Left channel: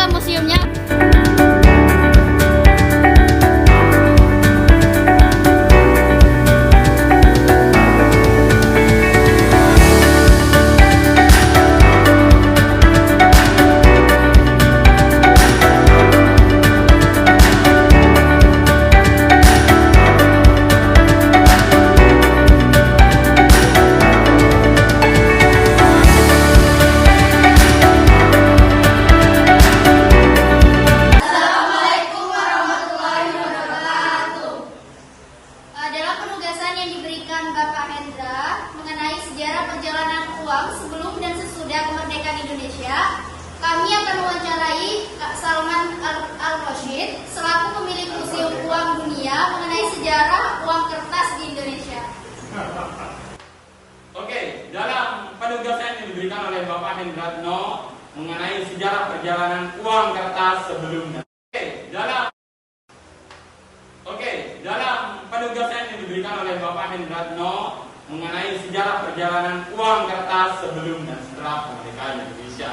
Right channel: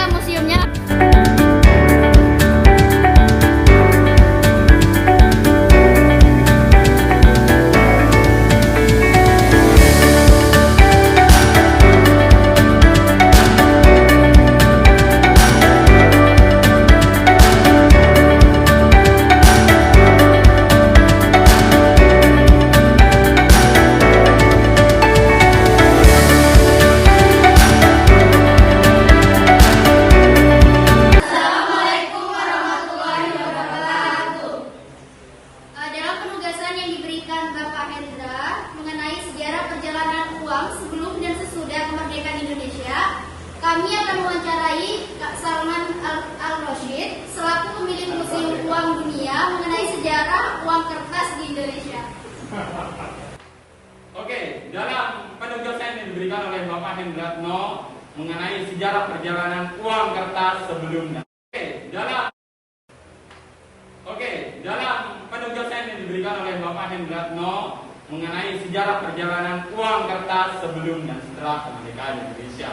ke museumnya. Bapak Hendra mengenai sejarah perjalanan uang sebelum dan sesudah kemerdekaan Indonesia, kami akan mewawancarai Kak Salman Al-Rashid selaku pemilik Museum Uang Dunia mengenai sejarah uang kertas di Indonesia. Oke, dalam penugasan yang diberikan oleh Bapak Hendratno mengenai sejarah perjalanan uang kertas sebelumnya. Dalam penugasan yang diberikan oleh Bapak Hendratno mengenai sejarah perjalanan uang kertas sebelum dan setelah kemerdekaan Indonesia.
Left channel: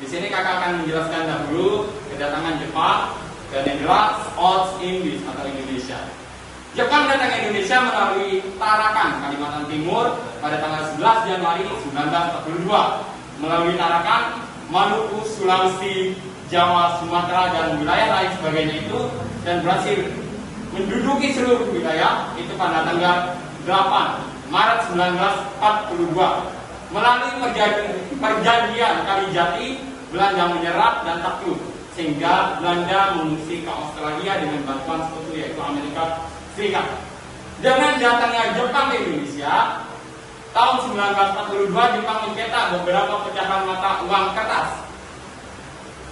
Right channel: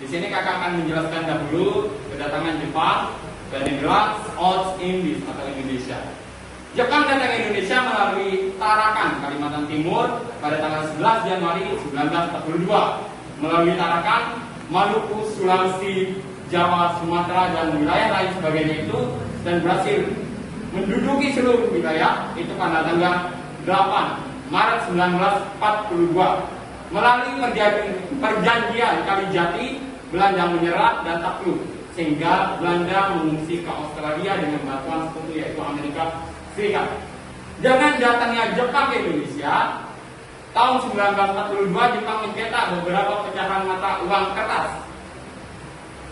Di sini kakak akan menjelaskan dahulu kedatangan Jepang dan Netherlands Old Indies atau Indonesia. Jepang datang ke Indonesia melalui Tarakan, Kalimantan Timur pada tanggal 11 Januari 1942. Melalui Tarakan, Maluku, Sulawesi, Jawa, Sumatera, dan wilayah lain sebagainya itu, dan berhasil menduduki seluruh wilayah itu pada tanggal 8 Maret 1942. Melalui perjanjian Kalijati, Belanda menyerah dan takluk, sehingga Belanda mengungsi ke Australia dengan bantuan sekutu yaitu Amerika Serikat. Dengan datangnya Jepang ke Indonesia, tahun 1942 Jepang mencetak beberapa pecahan mata uang kertas,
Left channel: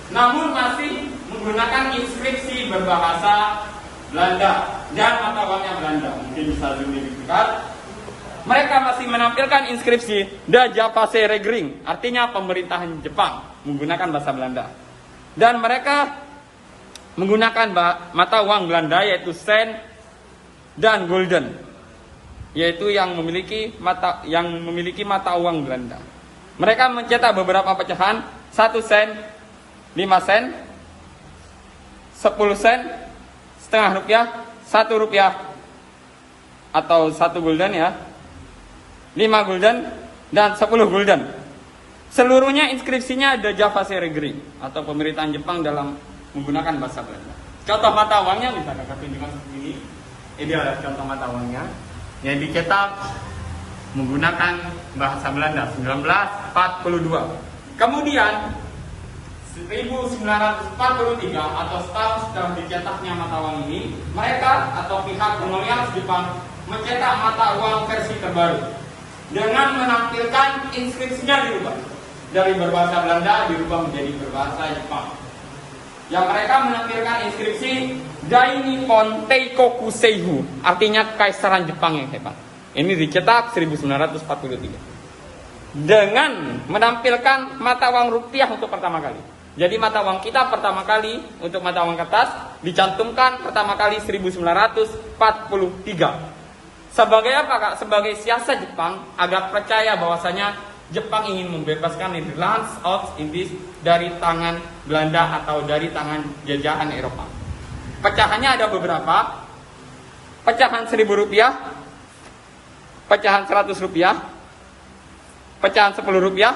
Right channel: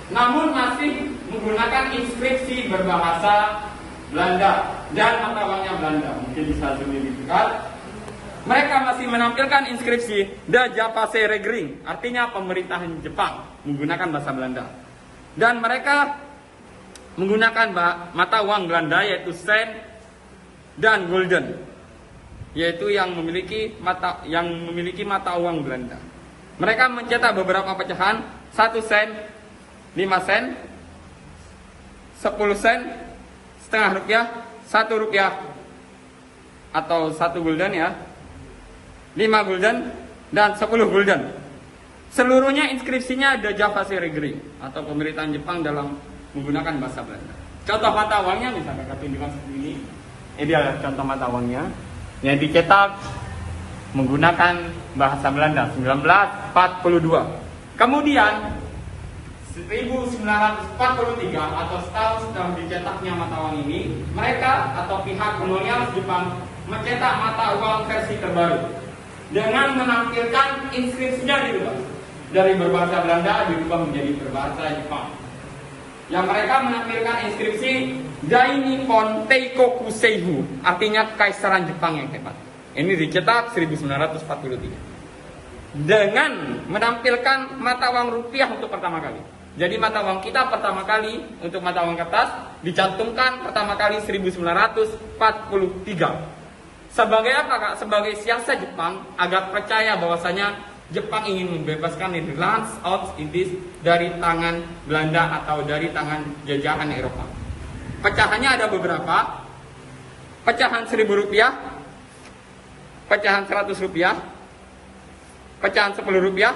namun masih menggunakan inskripsi berbahasa Belanda dan mata uangnya Belanda. Mungkin bisa lebih dekat. Mereka masih menampilkan inskripsi Da Japase Regering, artinya pemerintahan Jepang menggunakan bahasa Belanda. Dan mereka menggunakan mata uang Belanda yaitu sen dan gulden, yaitu yang memiliki mata uang Belanda. Mereka mencetak beberapa pecahan 1 sen, 5 sen, 10 sen, setengah rupiah, 1 rupiah atau 1 gulden ya, 5 gulden dan 10 gulden. Seluruhnya inskripsinya ada Japase Regering atau pemerintahan Jepang dalam menggunakan bahasa Belanda. Contoh mata uangnya misalnya saya tunjukkan seperti ini. Ini adalah contoh mata uangnya yang dicetak menggunakan bahasa Belanda 1942. Kemudian 1943 atau setahun setelah dicetaknya mata uang ini, mereka atau pihak kolonial Jepang mencetak mata uang versi terbaru dengan menampilkan inskripsinya dirubah dari berbahasa Belanda dirubah menjadi berbahasa Jepang. Yang mereka menampilkan inskripsi Dai Nippon Teikoku Seibu, artinya Kaisaran Jepang yang hebat. Ini dicetak 1943 dengan menampilkan mata uang rupiah untuk pertama kali. Jadi mata uang kita pertama kali untuk mata uang kertas dicantumkan pertama kali 1943. Sebagai apa Kak? Sebagai siasat Jepang agar percaya bahwasanya Jepang ingin membebaskan Netherlands Old Indies dari tangan Belanda atau dari tangan jajahan Eropa. Pecahannya ada beberapa. Pecahan 1.000 rupiah, pecahan 100 rupiah, pecahan 10 rupiah,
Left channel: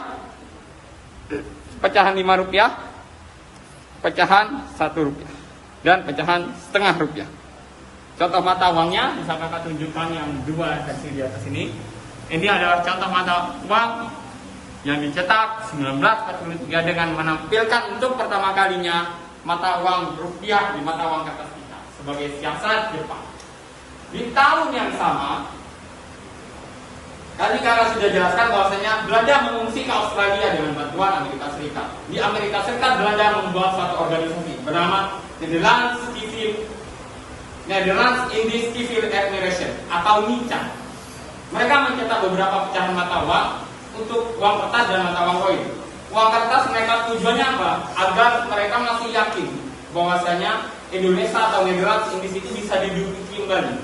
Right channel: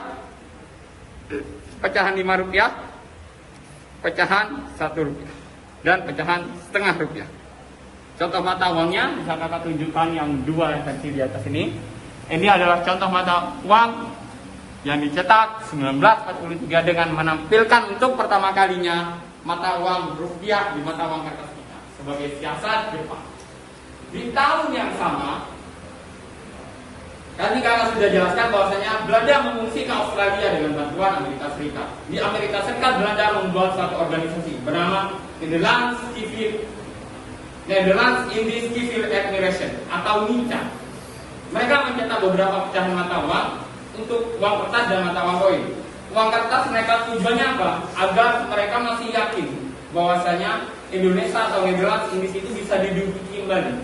pecahan 5 rupiah, pecahan 1 rupiah, dan pecahan setengah rupiah. Contoh mata uangnya bisa kakak tunjukkan yang 2 versi di atas ini. Ini adalah contoh mata uang yang dicetak 1943 dengan menampilkan untuk pertama kalinya mata uang rupiah di mata uang kertas kita sebagai siasat Jepang. Di tahun yang sama, tadi kakak sudah jelaskan bahwasanya Belanda mengungsi ke Australia dengan bantuan Amerika Serikat. Di Amerika Serikat, Belanda membuat suatu organisasi bernama Netherlands Indies Civil Administration atau NICA. Mereka mencetak beberapa pecahan mata uang untuk uang kertas dan mata uang koin. Uang kertas mereka tujuannya apa? Agar mereka masih yakin bahwasanya Indonesia atau Netherlands Indies itu bisa diduduki kembali.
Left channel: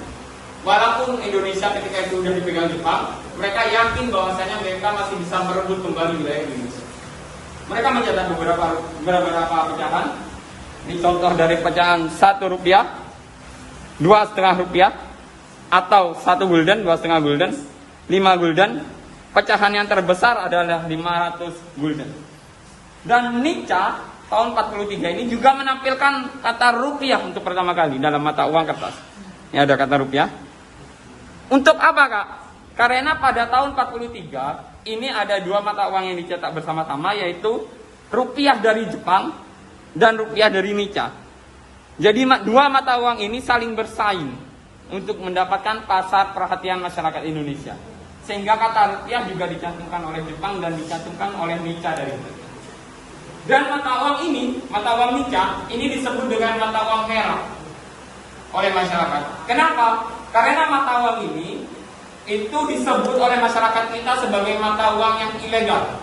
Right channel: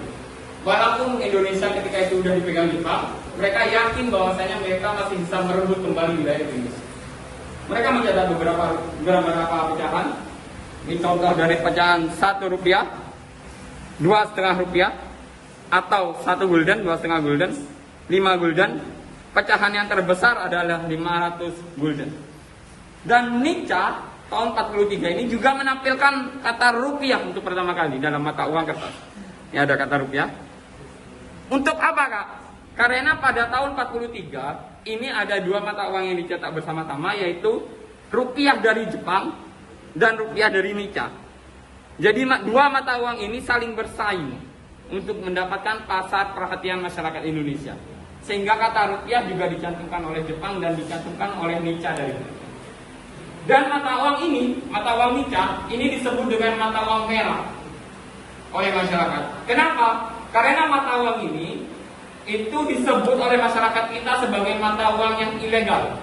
Walaupun Indonesia ketika itu sudah dipegang Jepang, mereka yakin bahwasanya mereka masih bisa merebut kembali wilayah Indonesia. Mereka mencetak beberapa pecahan. Ini contoh dari pecahan 1 rupiah, 2,5 rupiah, atau 1 gulden, 2,5 gulden, 5 gulden. Pecahan yang terbesar adalah 500 gulden. Dan Nica tahun 43 ini juga menampilkan kata rupiah untuk pertama kali dalam mata uang kertas. Ini ada kata rupiah. Untuk apa, Kak? Karena pada tahun 43 ini ada dua mata uang yang dicetak bersama-sama, yaitu rupiah dari Jepang dan rupiah dari Nica. Jadi dua mata uang ini saling bersaing untuk mendapatkan pasar perhatian masyarakat Indonesia. Sehingga kata rupiah juga dicantumkan oleh Jepang dan dicantumkan oleh Nica dari Indonesia. Dan mata uang ini, mata uang Nica, ini disebut dengan mata uang merah oleh masyarakat. Kenapa? Karena mata uang ini itu disebut oleh masyarakat kita sebagai mata uang yang ilegal.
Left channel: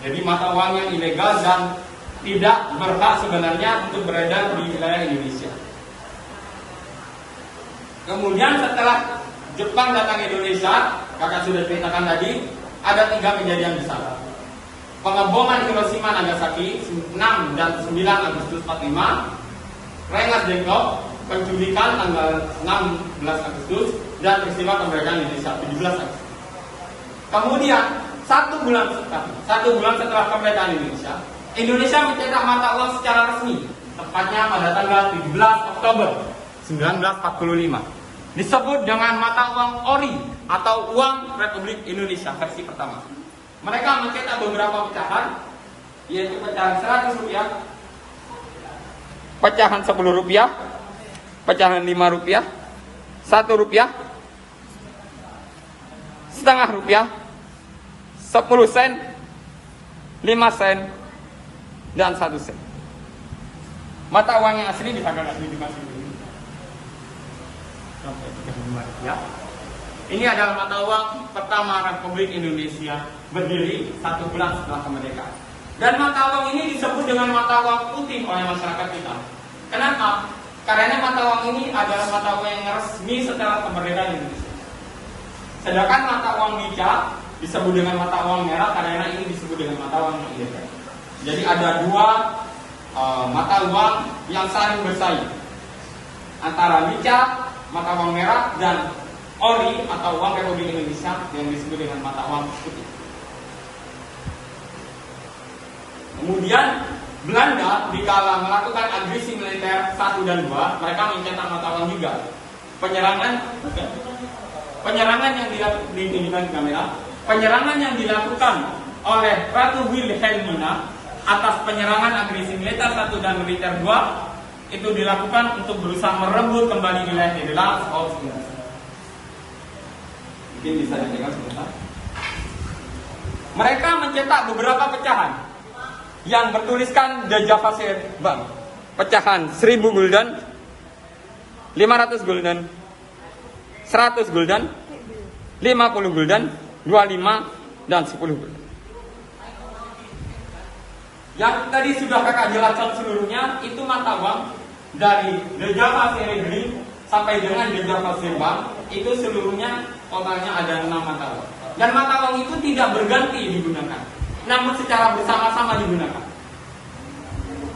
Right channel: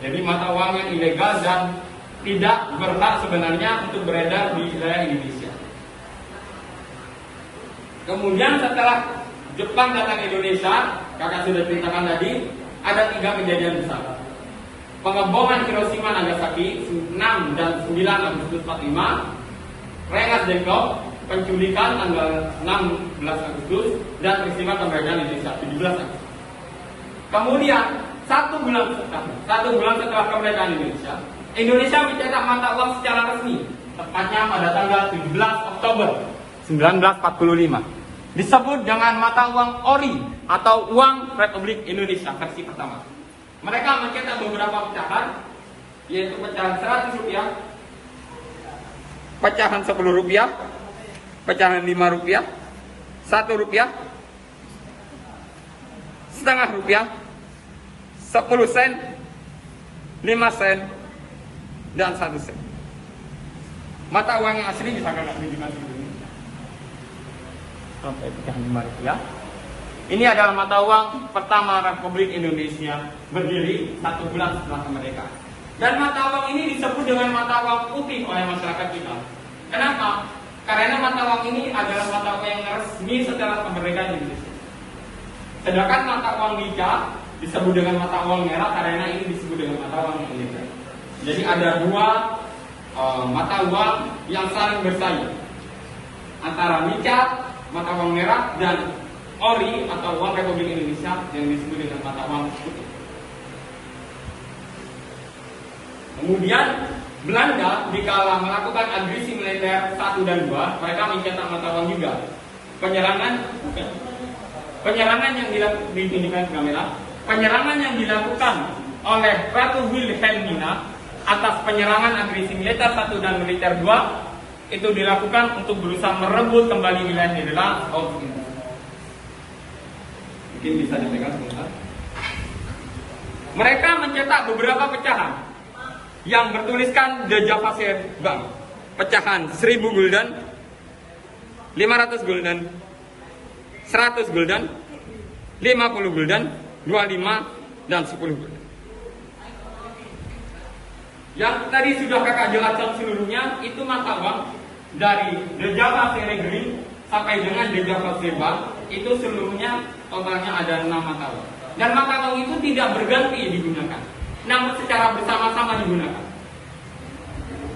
Jadi mata uang yang ilegal dan tidak berhak sebenarnya untuk beredar di wilayah Indonesia. Kemudian setelah Jepang datang ke Indonesia, kakak sudah ceritakan tadi, ada 3 kejadian besar. Pengeboman Hiroshima Nagasaki 6 dan 9 Agustus 45, Rengat Dengklok, penculikan tanggal 16 Agustus, dan peristiwa kemerdekaan Indonesia 17 Agustus. Kemudian 1 bulan setelah kemerdekaan Indonesia mencetak mata uang secara resmi, tepatnya pada tanggal 17 Oktober 1945. Disebut dengan mata uang ori atau uang Republik Indonesia versi pertama. Mereka mencetak beberapa pecahan, yaitu pecahan 100 rupiah, pecahan 10 rupiah, pecahan 5 rupiah, 1 rupiah, setengah rupiah, 10 sen, 5 sen, dan 1 sen. Mata uang yang asli bisa kakak tunjukkan seperti ini. Contoh pecahan 5 rupiah. Ini adalah mata uang pertama Republik Indonesia berdiri 1 bulan setelah kemerdekaan. Dan mata uang ini disebut dengan mata uang putih oleh masyarakat kita. Kenapa? Karena mata uang ini adalah mata uang yang resmi setelah kemerdekaan Indonesia. Sedangkan mata uang Nica disebut dengan mata uang merah karena ini disebut dengan mata uang yang ilegal. Jadi ada dua mata uang yang saling bersaing antara Nica, mata uang merah, dan ori atau uang Republik Indonesia yang disebut dengan mata uang putih. Kemudian Belanda dikala melakukan agresi militer 1 dan 2, mereka mencetak mata uang juga. Penyerangan yang dilakukan oleh Ratu Wilhelmina atas penyerangan agresi militer 1 dan militer 2 itu dilakukan untuk berusaha merebut kembali wilayah Nederland tahun 19. Mungkin bisa dipegang sebentar. Mereka mencetak beberapa pecahan yang bertuliskan The Java Bank. Pecahan 1000 gulden, 500 gulden, 100 gulden, 50 gulden, 25, dan 10 gulden. Yang tadi sudah kakak jelaskan seluruhnya, itu mata uang dari The Java Green sampai dengan The Java Bank. Itu seluruhnya totalnya ada 6 mata uang. Dan mata uang itu tidak berganti digunakan, namun secara bersama-sama digunakan.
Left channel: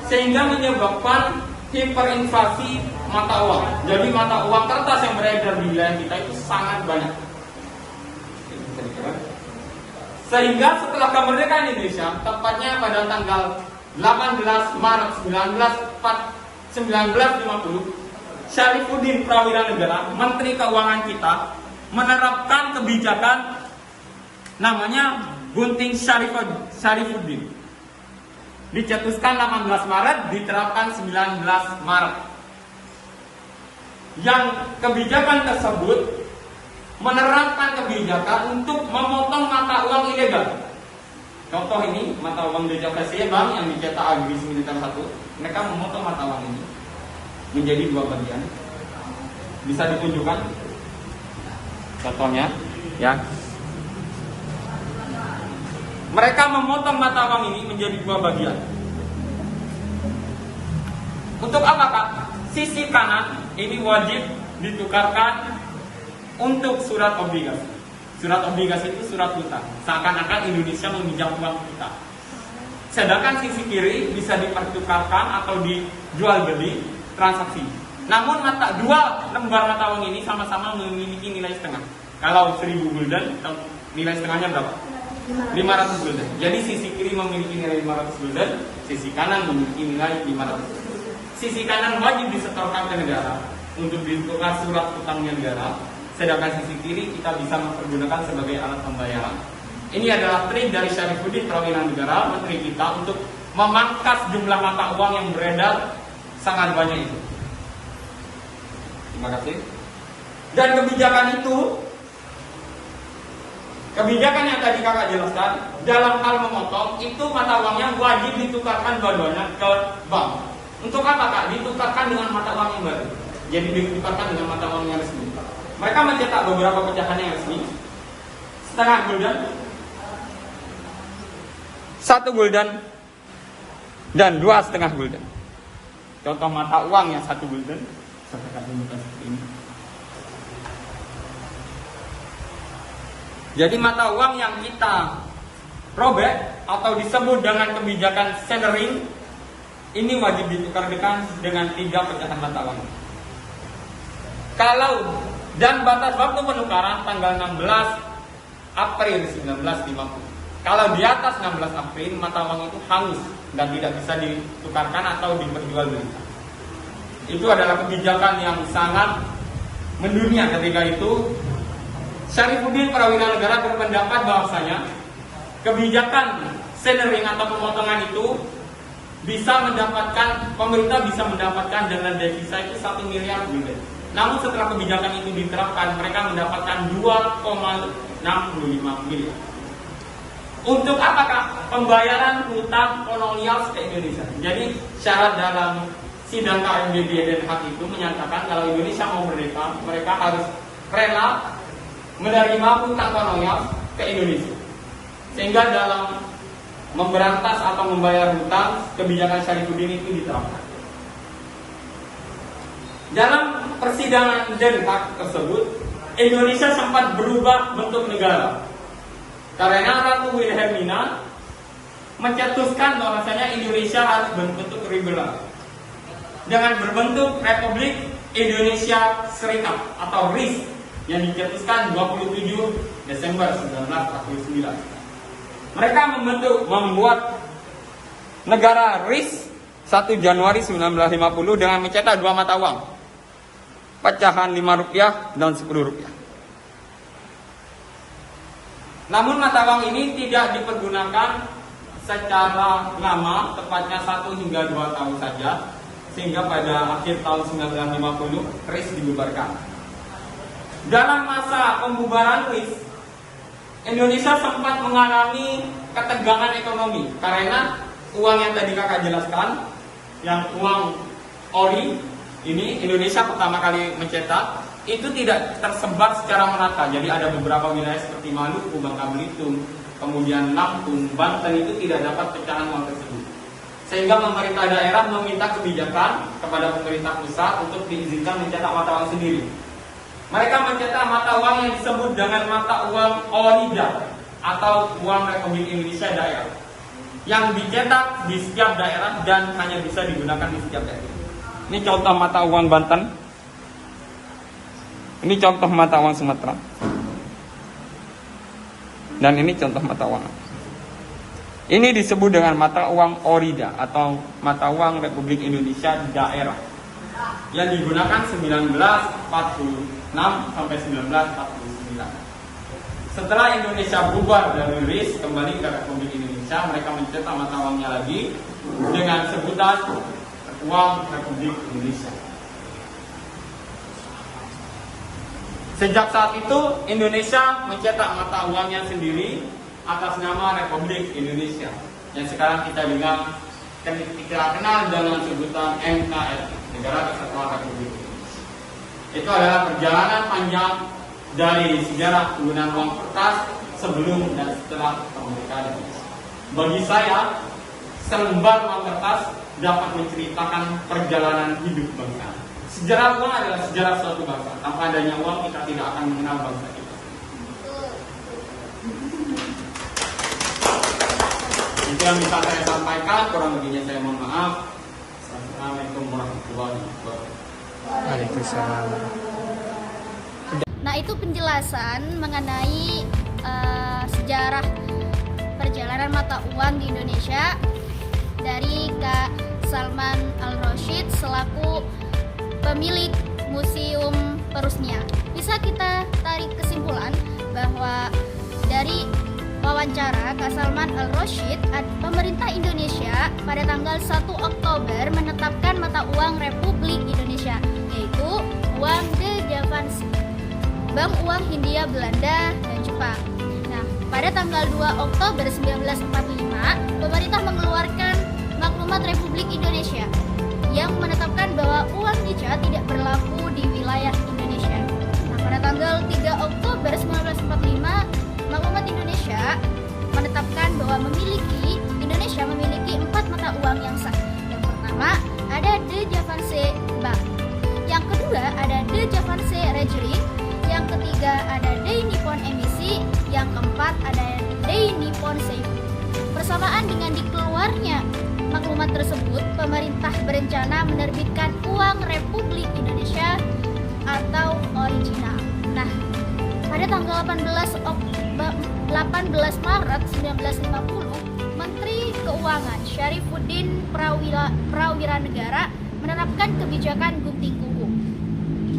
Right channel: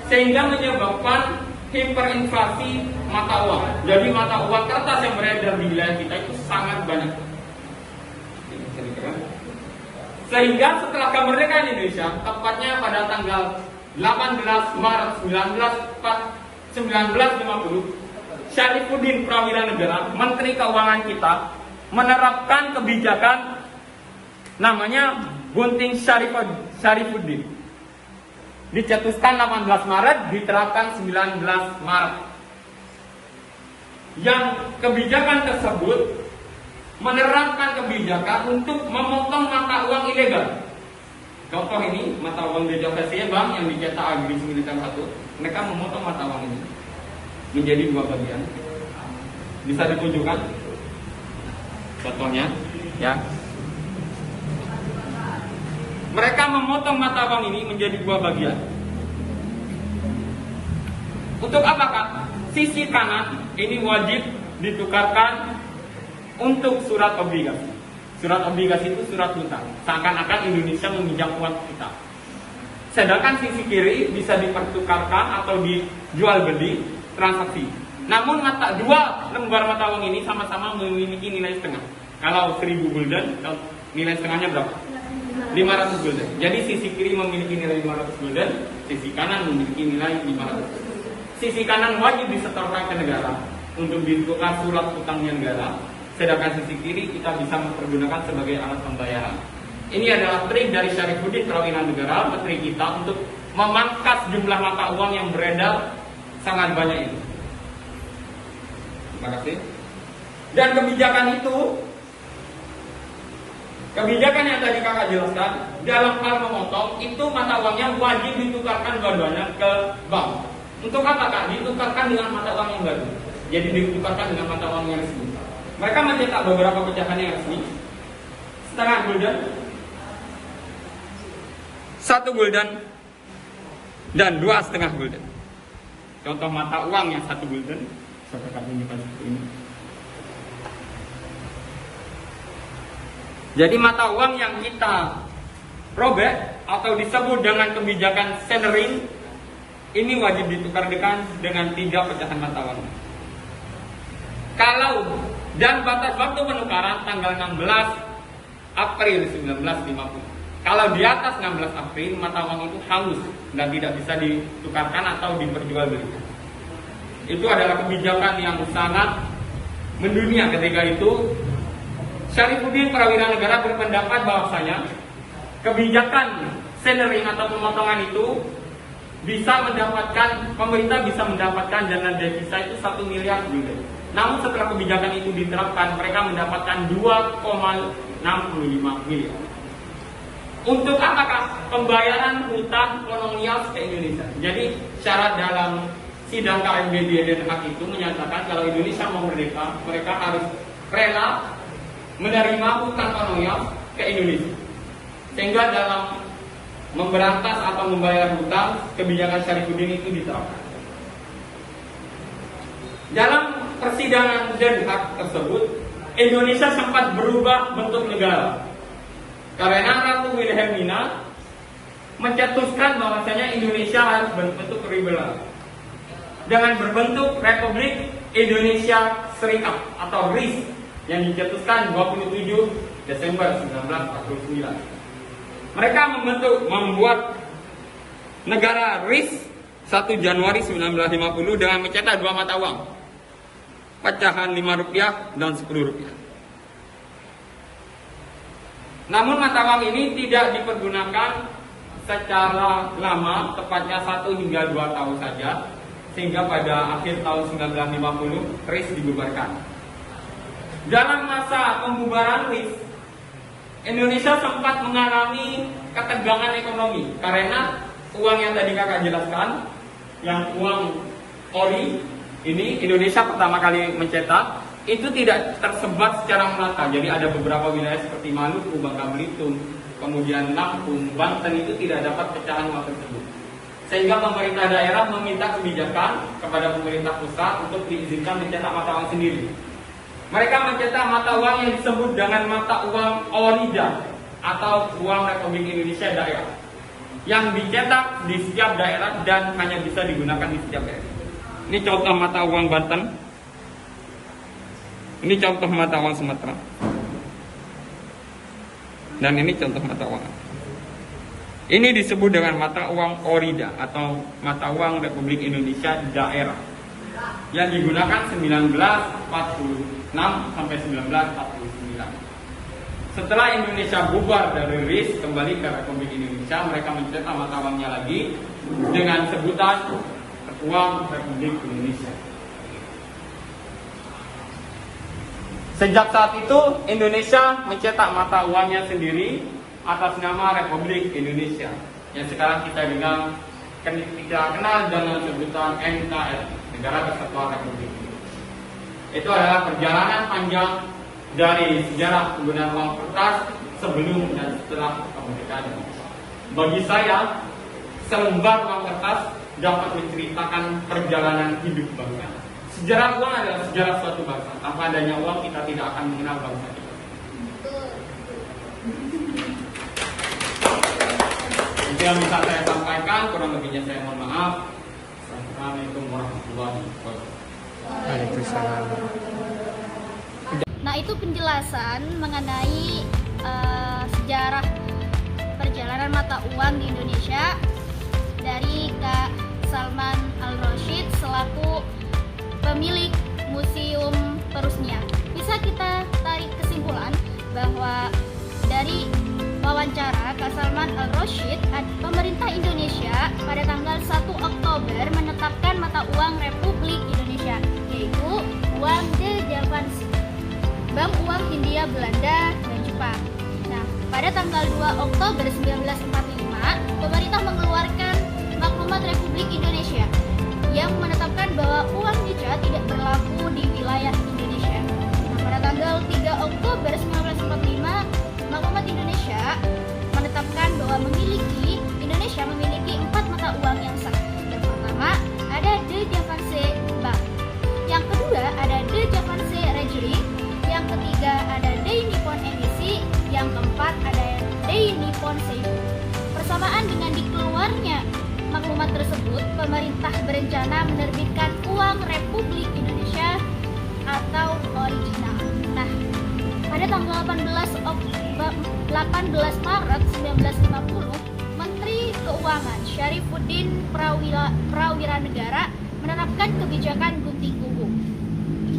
Sehingga menyebabkan hiperinflasi mata uang. Jadi mata uang kertas yang beredar di wilayah kita itu sangat banyak. Sehingga setelah kemerdekaan Indonesia, tepatnya pada tanggal 18 Maret 1950, Syarifuddin Prawira Negara, Menteri Keuangan kita, menerapkan kebijakan namanya Gunting Syarifuddin. Dicetuskan 18 Maret, diterapkan 19 Maret. Yang kebijakan tersebut menerapkan kebijakan untuk memotong mata uang ilegal. Contoh ini, mata uang di Java Bank yang dicetak agresi militer 1, mereka memotong mata uang ini menjadi 2 bagian. Bisa ditunjukkan contohnya, ya. Mereka memotong mata uang ini menjadi 2 bagian. Untuk apa, Kak? Sisi kanan ini wajib ditukarkan untuk surat obligasi. Surat obligasi itu surat hutang. Seakan-akan Indonesia meminjam uang kita. Sedangkan sisi kiri bisa dipertukarkan atau dijual beli transaksi. Namun dua lembar mata uang ini sama-sama memiliki nilai setengah. Kalau 1000 gulden, nilai setengahnya berapa? 500 gulden. Jadi sisi kiri memiliki nilai 500 gulden, sisi kanan memiliki nilai 500 gulden. Sisi kanan wajib disetorkan ke negara untuk ditukar surat utangnya negara, sedangkan sisi kiri kita bisa mempergunakan sebagai alat pembayaran. Ini adalah trik dari Syarifuddin Prawira Negara, menteri kita, untuk memangkas jumlah mata uang yang beredar sangat banyak itu. Terima kasih. Dan kebijakan yang tadi kakak jelaskan, dalam hal memotong, itu mata uangnya wajib ditukarkan dua-duanya ke bank. Untuk apa kak? Ditukarkan dengan mata uang yang baru. Jadi ditukarkan dengan mata uang yang resmi. Mereka mencetak beberapa pecahan yang resmi, setengah gulden, 1 gulden, dan 2,5 gulden. Contoh mata uang yang 1 gulden, saya akan tunjukkan seperti ini. Jadi mata uang yang kita robek atau disebut dengan kebijakan Sellering, ini wajib ditukarkan dengan 3 pecahan mata uang. Dan batas waktu penukaran tanggal 16 April 1950. Kalau di atas 16 April mata uang itu hangus dan tidak bisa ditukarkan atau diperjualbelikan. Itu adalah kebijakan yang sangat mendunia ketika itu. Syarifuddin Prawira Negara berpendapat bahwasanya kebijakan Sellering atau pemotongan itu pemerintah bisa mendapatkan dana devisa itu 1 miliar gulden. Namun setelah kebijakan itu diterapkan, mereka mendapatkan 2,65 miliar. Untuk apakah? Pembayaran hutang kolonial ke Indonesia. Jadi syarat dalam sidang KMDB Den Haag itu menyatakan kalau Indonesia mau merdeka, mereka harus rela menerima hutang kolonial ke Indonesia. Sehingga dalam memberantas atau membayar hutang, kebijakan Syarifuddin itu diterapkan. Dalam persidangan Den Haag tersebut, Indonesia sempat berubah bentuk negara. Karena Ratu Wilhelmina mencetuskan bahwasanya Indonesia harus berbentuk liberal dengan berbentuk Republik Indonesia Serikat atau RIS yang dicetuskan 27 Desember 1949. Mereka membuat negara RIS 1 Januari 1950 dengan mencetak 2 mata uang, pecahan Rp5 dan Rp10. Namun mata uang ini tidak dipergunakan secara lama, tepatnya 1 hingga 2 tahun saja, sehingga pada akhir tahun 1950 RIS dibubarkan. Dalam masa pembubaran RIS, Indonesia sempat mengalami ketegangan ekonomi karena uang yang tadi kakak jelaskan, yang uang ori ini Indonesia pertama kali mencetak, itu tidak tersebar secara merata. Jadi ada beberapa wilayah seperti Maluku, Bangka Belitung, kemudian Lampung, Banten itu tidak dapat pecahan uang tersebut. Sehingga pemerintah daerah meminta kebijakan kepada pemerintah pusat untuk diizinkan mencetak mata uang sendiri. Mereka mencetak mata uang yang disebut dengan mata uang orida atau uang Republik Indonesia daerah, yang dicetak di setiap daerah dan hanya bisa digunakan di setiap daerah. Ini contoh mata uang Banten. Ini contoh mata uang Sumatera. Dan ini contoh mata uang. Ini disebut dengan mata uang orida atau mata uang Republik Indonesia daerah, yang digunakan 1946 sampai 1949. Setelah Indonesia bubar dari RIS kembali ke Republik Indonesia, mereka mencetak mata uangnya lagi dengan sebutan uang Republik Indonesia. Sejak saat itu Indonesia mencetak mata uangnya sendiri atas nama Republik Indonesia, yang sekarang kita kenal dengan sebutan NKRI, Negara Kesatuan Republik Indonesia. Itu adalah perjalanan panjang dari sejarah penggunaan uang kertas sebelum dan setelah kemerdekaan Indonesia. Bagi saya, selembar uang kertas dapat menceritakan perjalanan hidup bangsa. Sejarah uang adalah sejarah suatu bangsa. Tanpa adanya uang, kita tidak akan mengenal bangsa kita. Itu yang bisa saya sampaikan, kurang lebihnya saya mohon maaf. Assalamualaikum warahmatullahi wabarakatuh. Waalaikumsalam. Nah, itu penjelasan mengenai sejarah perjalanan mata uang di Indonesia dari Kak Salman Al-Rashid selaku pemilik Museum Perusnia. Bisa kita tarik kesimpulan bahwa dari wawancara Kak Salman Al-Rashid, pemerintah Indonesia pada tanggal 1 Oktober menetapkan mata uang Republik Indonesia, yaitu uang de Javanse, Bank Uang Hindia Belanda dan Jepang. Nah, pada tanggal 2 Oktober 1945, pemerintah mengeluarkan Maklumat Republik Indonesia yang menetapkan bahwa uang Nica tidak berlaku di wilayah Indonesia. Nah, pada tanggal 3 Oktober 1945, Maklumat Indonesia menetapkan bahwa Indonesia memiliki 4 mata uang yang sah. Yang pertama ada de Javanse Bank, yang kedua ada de Javanse Reguli, yang ketiga ada de Nippon Emisi, yang keempat ada de Nippon Seifu. Bersamaan dengan dikeluarnya maklumat tersebut, pemerintah berencana menerbitkan uang Republik Indonesia atau original. Nah, pada tanggal 18 Maret 1950, Menteri Keuangan Syarifuddin Prawiranegara menerapkan kebijakan gunting kuku.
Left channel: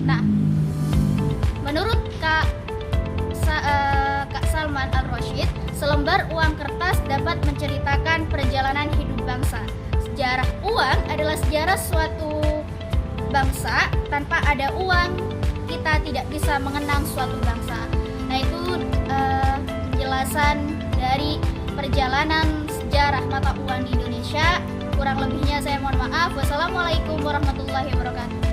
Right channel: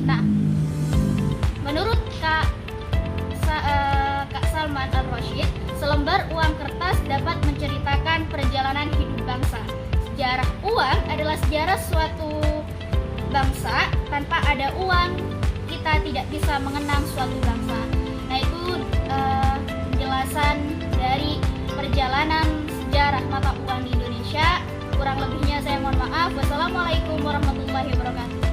Nah, menurut Kak Salman Al-Rashid, selembar uang kertas dapat menceritakan perjalanan hidup bangsa. Sejarah uang adalah sejarah suatu bangsa. Tanpa ada uang, kita tidak bisa mengenang suatu bangsa. Nah, itu penjelasan dari perjalanan sejarah mata uang di Indonesia. Kurang lebihnya saya mohon maaf. Wassalamualaikum warahmatullahi wabarakatuh.